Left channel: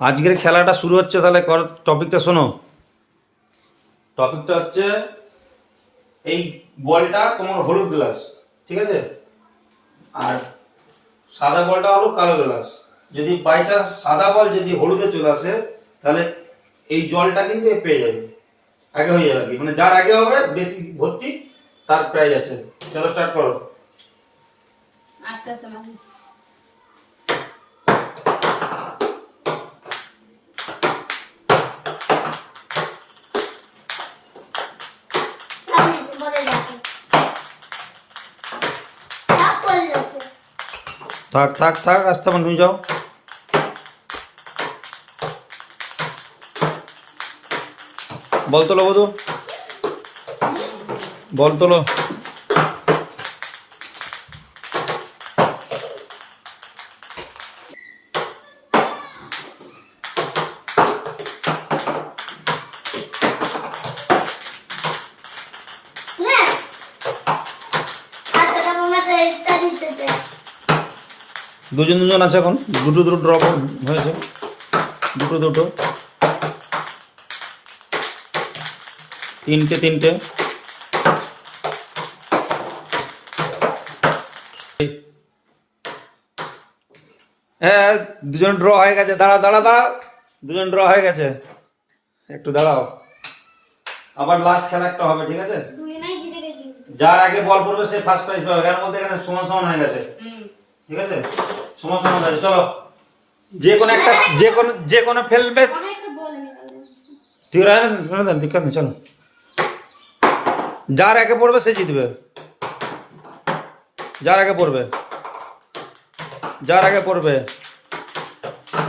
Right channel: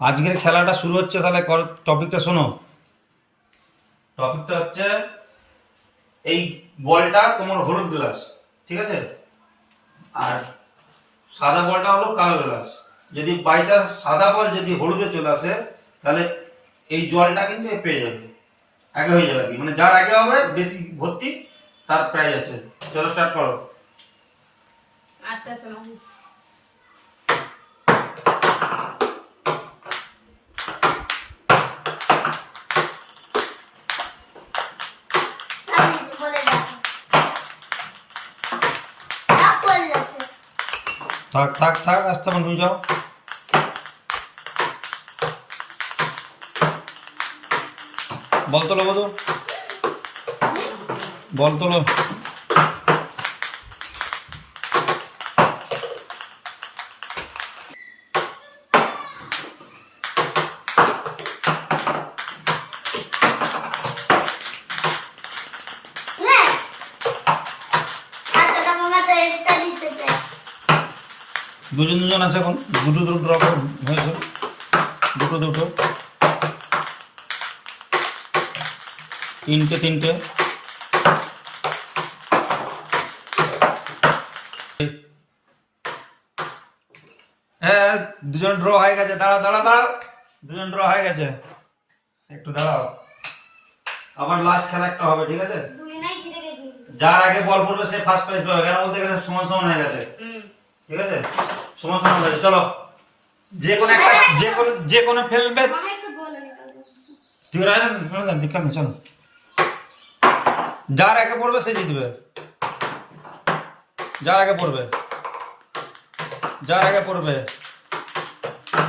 আজকের খেলাটা শুরু হচ্ছে, তাহলে টপিকটা শোনো। টপিকটা হচ্ছে এই বলটা তোমার হলুদ গ্লাস, ঠিক আছে, আর সাদা বলটা হলো কালো গ্লাস। যদি বাই চান্স সাদা বল যদি হলুদে চলে আসে, তাহলে এই জলটা কিন্তু এ পেয়ে যাবে, আগে হয়ে যাবে আর কি, মানে যার আগে হবে বেশি ভর্তি তার প্রাইজ আছে। চলো স্টার্ট করো। আস্তে আস্তে মানুষ থাক থাক থাক, আসতে পারো, তুমি যাও। বল তোলো বধু, বল তোলো। দুজন দুজন আছে এখন, দুটো দুটো ড্রপ হয়েছে, দুটো দুটো, তিনটে তিনটে। হ্যাঁ, দুজন ড্র হয়ে গেছে, দাঁড়া দাঁড়া দাঁড়া, দুজন ড্র হয়ে গেছে, একটু দাঁড়াও, আবার লাস্ট খেলা একটা হবে, ঠিক আছে। যার আগে বল পড়বে সে ফার্স্ট প্রাইজ পাবে, কেন বলতে এখানে সমান সমান হয়ে গেছে, ঠিক আছে, সমান সমান হয়ে গেছে। চলো, যে কোনো একটা, যে কোনো ফেলবে, ঠিক আছে, দিক্কত নেই, চলো, যার আগে পড়বে সে জিতবে, যার আগে পড়বে, যার আগে পড়বে,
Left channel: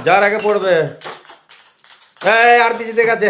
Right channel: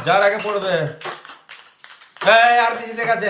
যার আগে পড়বে। আর কি জিতে গেছে।